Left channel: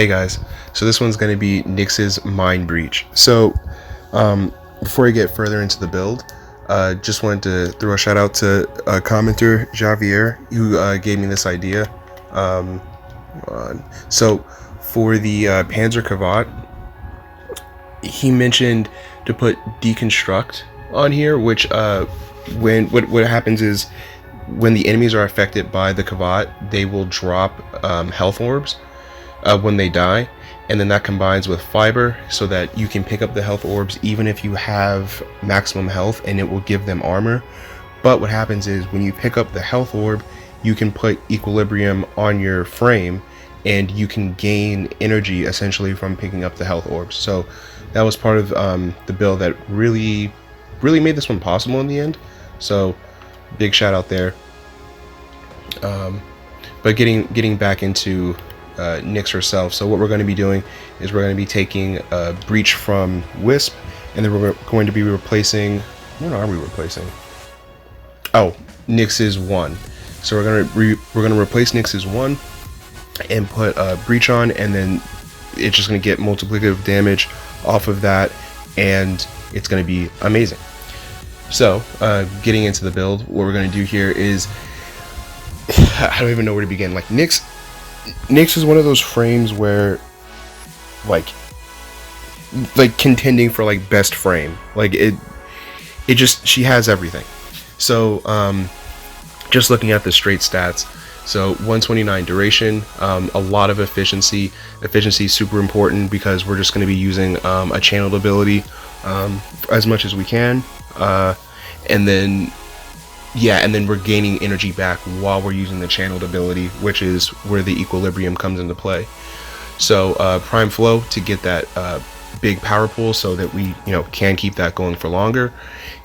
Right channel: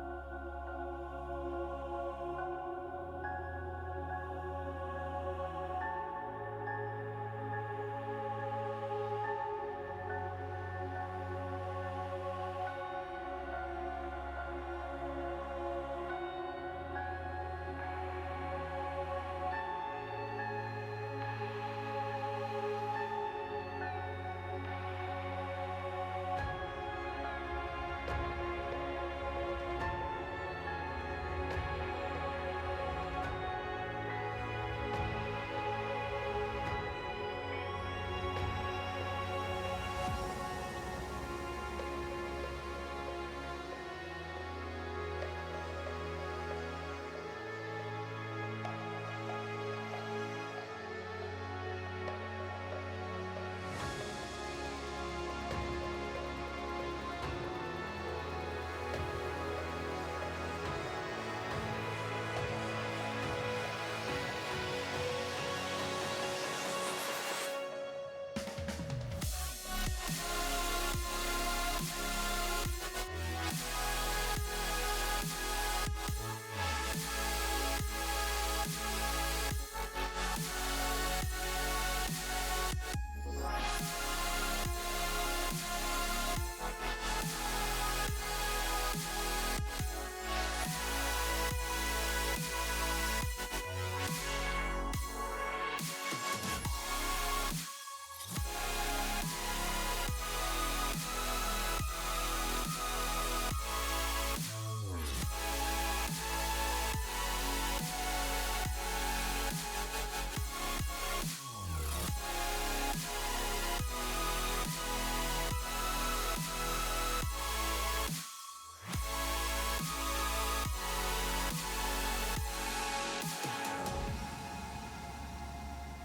Hey guys, so this one's going to be Nyx's Mind Breach. So before I get further into the build, just wanted to throw a shout out to commenter Javier who gave me this idea. So for the Panzer Kavat, he mentioned to put deconstruct on here, which what happens is when the enemies are affected by the Kavat, they will drop health orbs when they die, and then that combines with fiber so that you can pick up the health orbs even if you have maximum health, and it will give them armor. But what happens is when you pick up the health orb, you can put equilibrium on your frame and you can gain energy essentially from picking up the health orbs. So that was part of the build that really made this one possible in the end. So big shout out there. But getting back into Nyx herself. So what we're going to be doing is we're going to be taking a breach from Wisp, and then we're going to be replacing. What are we replacing? Oh, Nyx's 1. So we're gonna replace Nyx's 1 and put a breach on, and then it's just going to get multiplicative damage off of that, and it's going to be amazing. So getting into the build, what we're going to do here is I don't even know where to begin. Like Nyx is one of those frames where like contending for like best frame. Like it just, she has everything. So just looking at the straight stats, so 129 duration, a lot of efficiency is super important because we're just going to be using a channeled ability as much as we can, and then we're gaining energy back while we're using the channeled ability, which is where the equilibrium comes into play. So prime flow to get that big power pool so that we can keep that going for longer.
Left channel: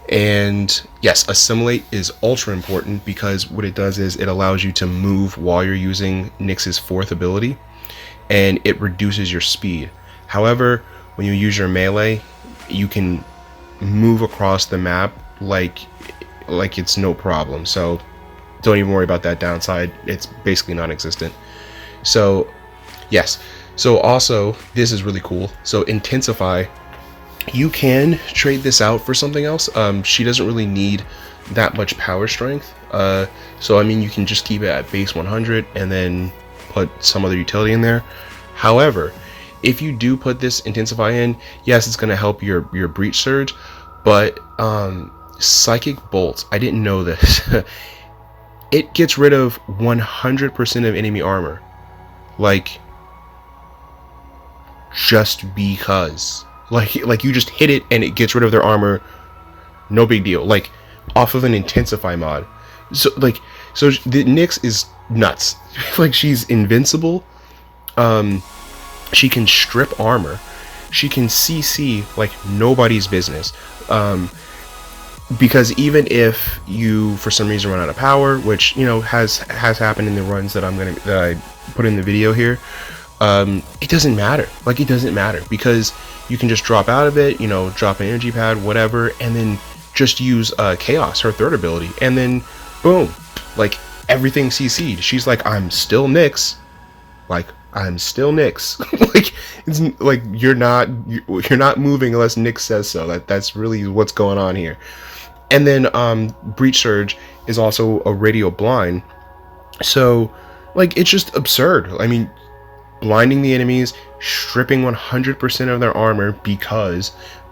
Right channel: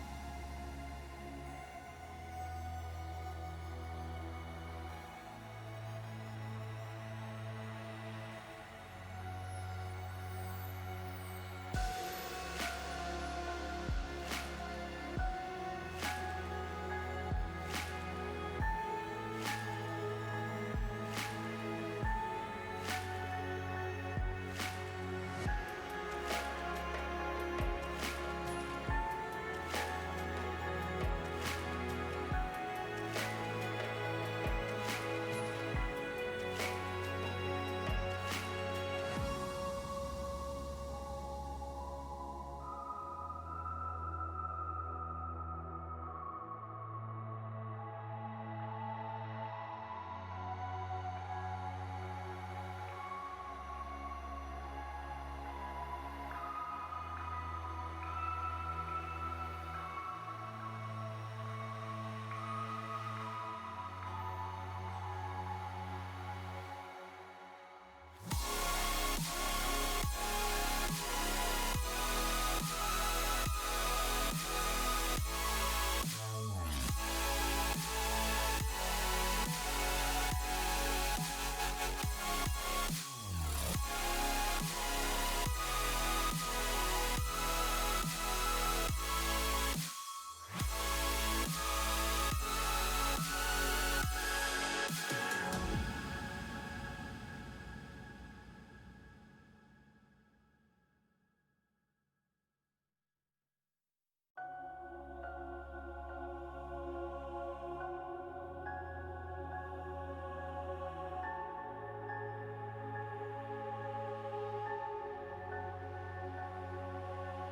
And yes, assimilate is ultra important because what it does is it allows you to move while you're using Nyx's 4th ability, and it reduces your speed. However, when you use your melee, you can move across the map like it's no problem. So don't even worry about that downside. It's basically non-existent. So yes. So also, this is really cool. So intensify, you can trade this out for something else. She doesn't really need that much power strength. So I mean, you can just keep it at base 100 and then put some other utility in there. However, if you do put this intensify in, yes, it's going to help your breach surge, but psychic bolts, I didn't know this. It gets rid of 100% of enemy armor, like just because, like you just hit it and it gets rid of their armor, no big deal, like off of an intensify mod. So the Nyx is nuts. Like, she's invincible, she can strip armor, she can CC like nobody's business, because even if you for some reason run out of power, which has happened in the runs that I put in the video here, it doesn't matter. Like, it doesn't matter because you can just drop out of it, drop an energy pad, whatever, and then just use Chaos, her 3rd ability, and then boom, like everything CC'd. She's like, I'm still Nyx. Like, I'm still Nyx. Like, it's like you're not moving unless Nyx says so. That's really what's going on here. And then breach surge is also a radio blind. So like, it's just absurd. I mean, blinding the enemies, stripping 100% of their armor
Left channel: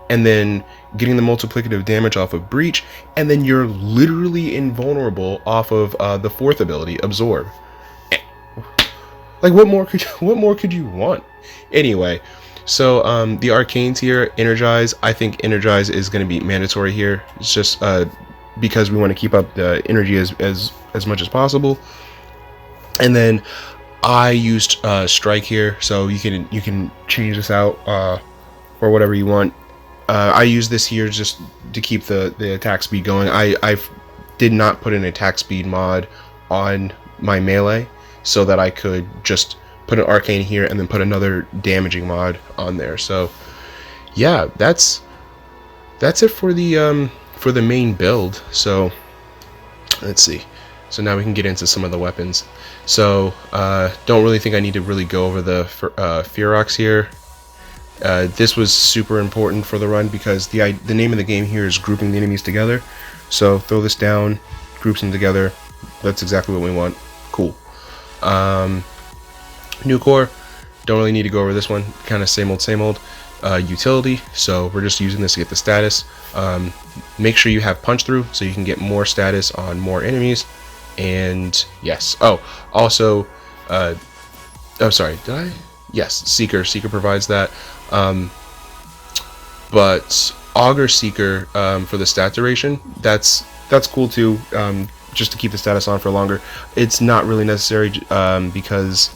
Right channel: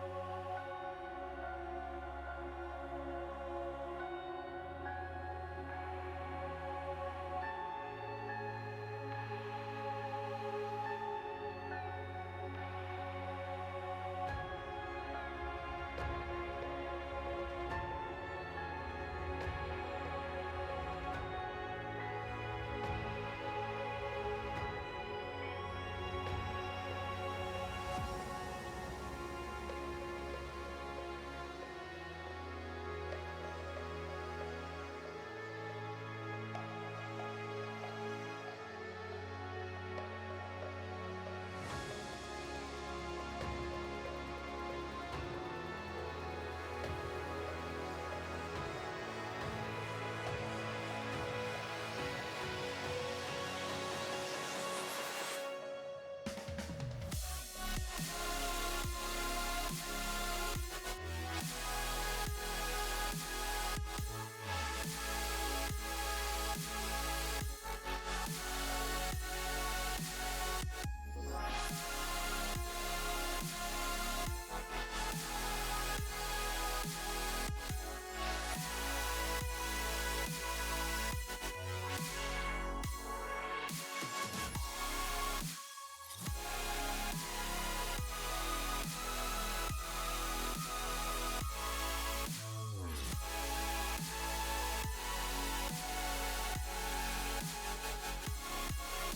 and then getting the multiplicative damage off of breach, and then you're literally invulnerable off of the 4th ability, absorb. Like, what more could you want? Anyway, so the Arcanes here, energize. I think energize is going to be mandatory here. It's just because we want to keep up the energy as much as possible. And then I used strike here, so you can change this out or whatever you want. I use this here just to keep the attack speed going. I did not put an attack speed mod on my melee so that I could just put an arcane here and then put another damaging mod on there. So yeah, that's it for the main build. So let's see. So now we can get into some of the weapons. So don't really think I need to really go over the Fearox here. This was super important for the run because the name of the game here is grouping the enemies together. So throw this down, groups them together. That's exactly what we want. Cool. New core, don't really need to go over this one. Kind of same old. Utility, so we're just using this to get the status. Make sure you have punch through so you can get more status on more enemies. And yes, oh, also, oh sorry, did I? Yes, Seeker provides that. But Augur Seeker for the stat duration, that's cool too, just to keep the status on for longer. It's not really necessary because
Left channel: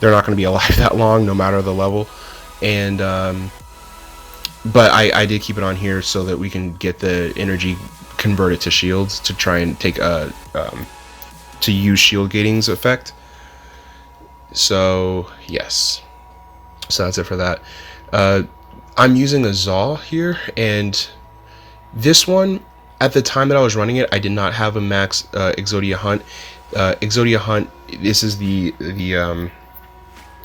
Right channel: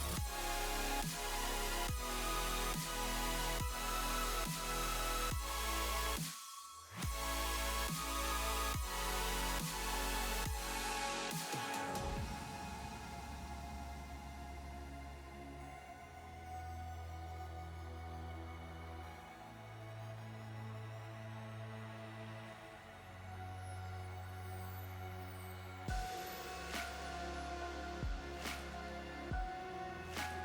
they're not going to be alive that long no matter the level. And but I did keep it on here so that we can get the energy converted to shields to try and take to use shield gating's effect. So yes, so that's it for that. I'm using a Zaw here, and this one, at the time that I was running it, I did not have a max Exodia Hunt. Exodia Hunt, this is the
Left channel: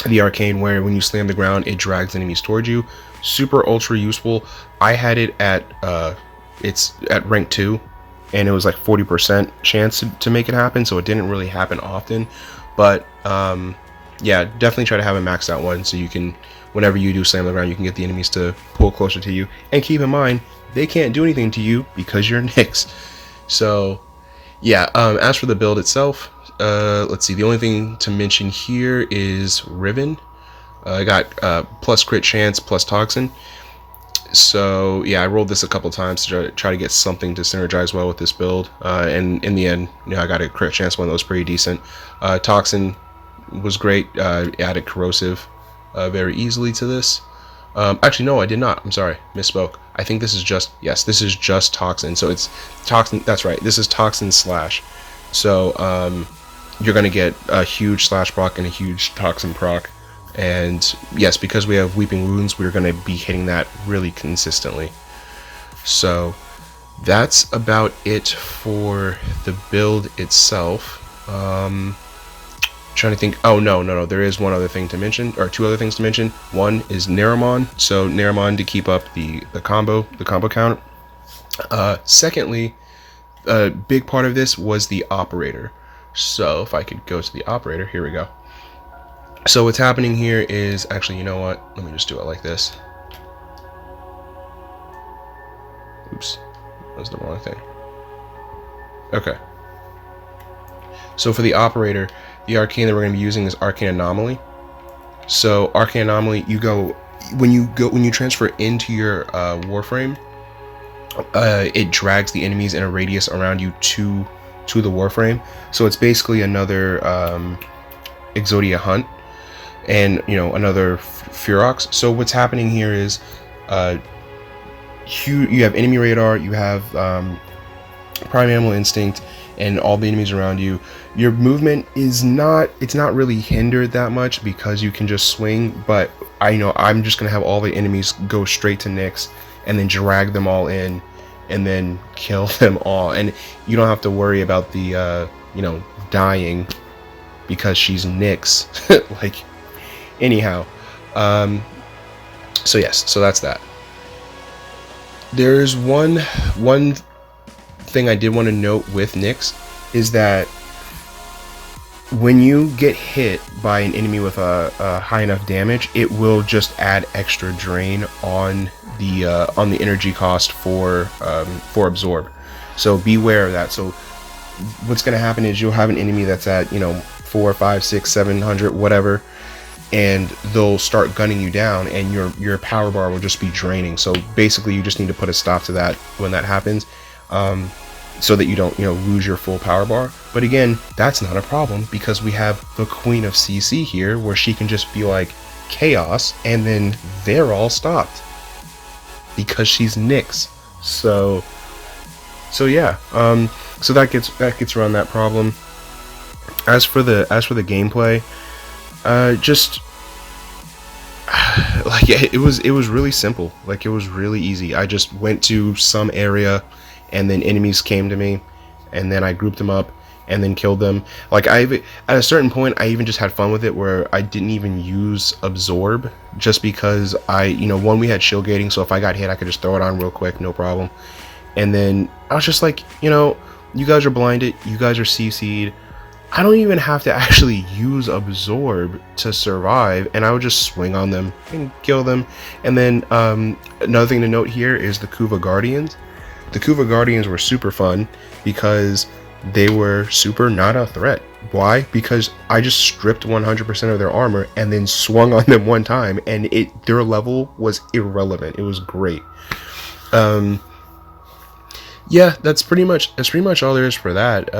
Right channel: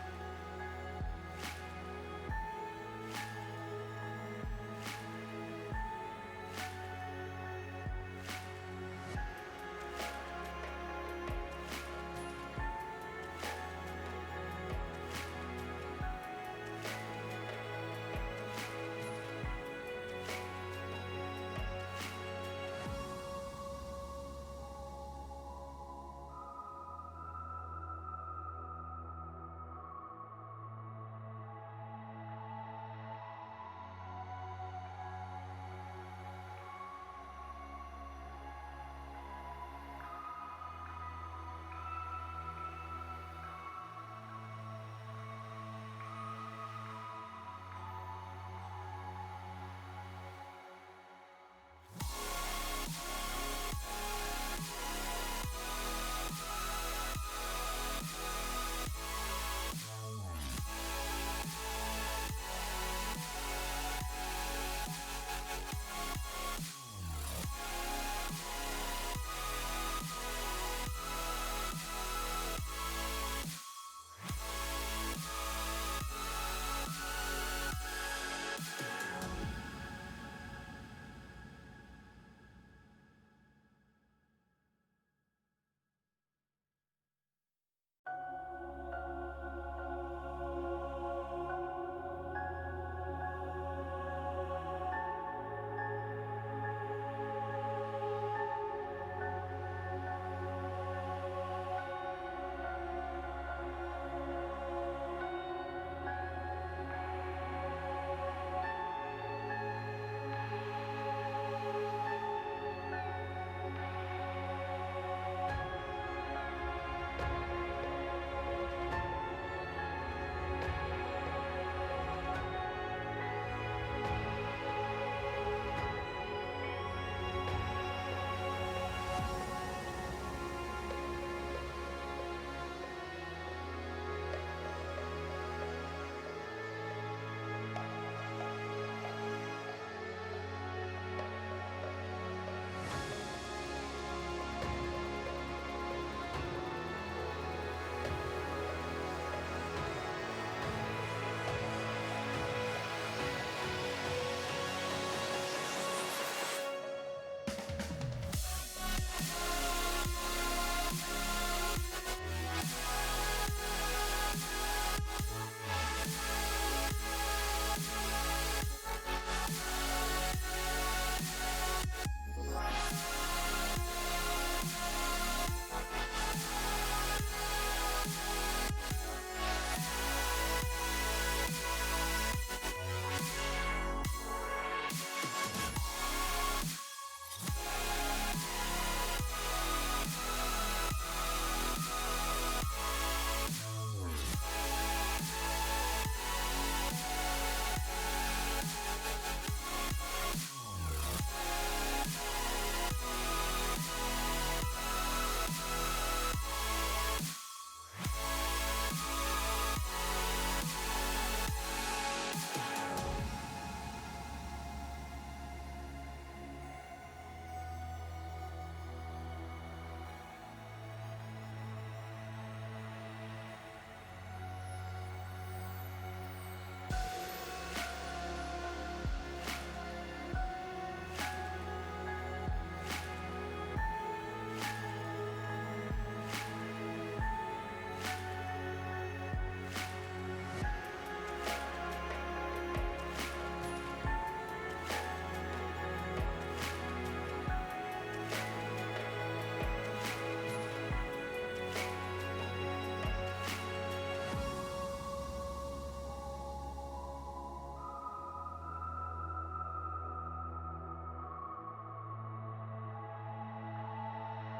arcane where when you slam the ground, it drags enemies towards you. Super ultra useful. I had it at it's at rank 2, and it was like 40% chance to make it happen, so it didn't really happen often. But yeah, definitely try to have a maxed out one so you can, whenever you do slam the ground, you can get the enemies to pull closer to you. And keep in mind, they can't do anything to you because you're Nyx. So yeah, as for the build itself, let's see, the only thing to mention here is Riven. I got plus crit chance plus toxin. So yeah, I rolled this a couple times to try to get something to synergize well with this build, and in the end, you know, I got a crit chance one that was pretty decent. Toxin was great. Added corrosive very easily to this. Actually, no, I did not. I'm sorry, misspoke. I think this is just, yes, this is just toxin. So it's toxin. That's right. This is toxin slash. So you're gonna get a huge slash proc and a huge toxin proc. And yes, because we have Weeping Wounds, we're going to be hitting that really consistently. So that's about it for the build itself. Trying to think. Oh, no. There is one other thing to mention, or two other things to mention. One is Naramon. So Naramon to keep up the combo count. Secondly, a big part of this was the operator. So if I could go to the operator, here we go. So what's happening here is, actually, you know what? Let me just do it like this. Oops, that was the wrong thing. Okay. So for the operator, the arcane that we're going to be using is Arcane Anomaly. So Arcane Anomaly, when you transfer into your Warframe, it drags the enemies in a radius around you to the Warframe. So it's basically another Exodia Hunt. And you know, another Fearox. So what's happening here is you have enemy radar, you have prime animal instinct, and all the enemies around you. Your movement is not really hindered that much because you can just swing, but I'm just gonna have all the enemies go straight to Nyx and then drag them all in and then kill them all, and you don't have to worry about the dying because she's Nyx. Like, anyhow, so yes, so that's that. There's one thing I did want to note with Nyx is that when you get hit by an enemy with a high enough damage, it will just add extra drain on the energy cost for absorb. So beware of that. So what's going to happen is you'll have an enemy that's at 4, 5, 6, 700, whatever, and they'll start gunning you down, and your power bar will just be draining. So basically, you just need to put a stop to that when that happens, so that you don't lose your full power bar. But again, that's not a problem because we have the Queen of CC here, where she can just be like chaos, and then they're all stopped because she's Nyx. So yeah, so that gets around that problem. As for the gameplay, just like it was really simple. Like, it was really easy. I just went to some area, and then enemies came to me, and then I grouped them up, and then killed them. Like at a certain point, I even just had fun with it where I didn't even use absorb, just because one, we had shield gating, so if I got hit I could just throw it on real quick, no problem. And then I was just like, you guys are blinded, you guys are CC'd, I don't even have to actually use absorb to survive, and I would just swing on them and kill them. And then another thing to note here is the Kuva Guardians. The Kuva Guardians were super fun because they were super not a threat. Why? Because I just stripped 100% of their armor and then swung on them one time, and their level was irrelevant. It was great. Yeah, that's pretty much all there is for that.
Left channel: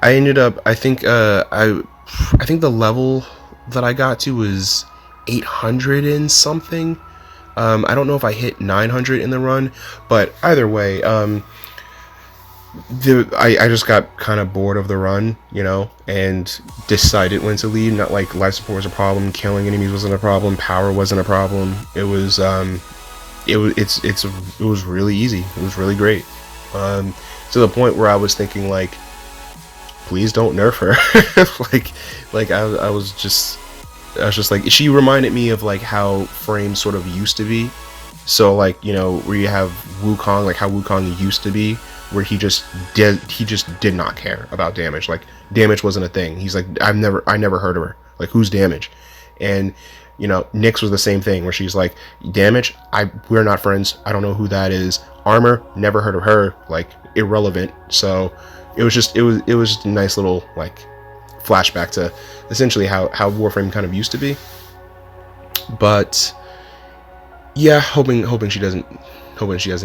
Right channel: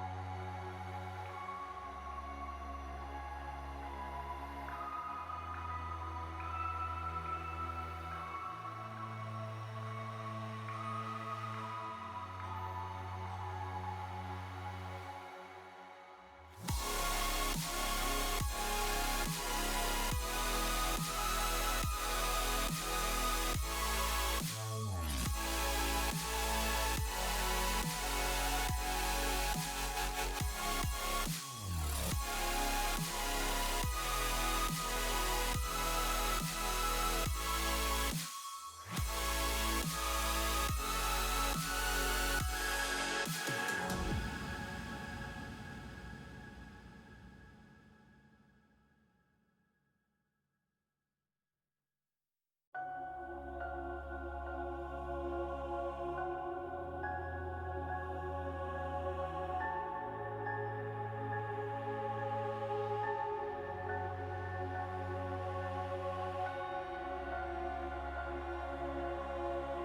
I ended up, I think the level that I got to was 800 and something. I don't know if I hit 900 in the run, but either way, I just got kind of bored of the run, and decided when to leave. Not like life support was a problem, killing enemies wasn't a problem, power wasn't a problem. It was it was really easy. It was really great. To the point where I was thinking, like, please don't nerf her. like I was just like, she reminded me of like how Frame sort of used to be. So like, where you have Wukong, like how Wukong used to be, where he just did not care about damage. Like, damage wasn't a thing. He's like, I never heard of her. Like, who's damage? And Nyx was the same thing, where she's like, damage, we're not friends. I don't know who that is. Armor, never heard of her. Like, irrelevant. So it was just a nice little like flashback to essentially how Warframe kind of used to be. But yeah, hoping she doesn't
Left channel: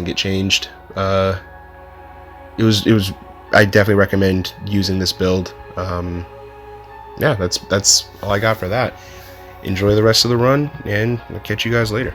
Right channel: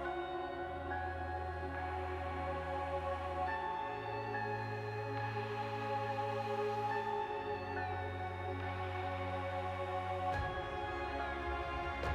get changed. It was I definitely recommend using this build. Yeah, that's all I got for that. Enjoy the rest of the run, and we'll catch you guys later.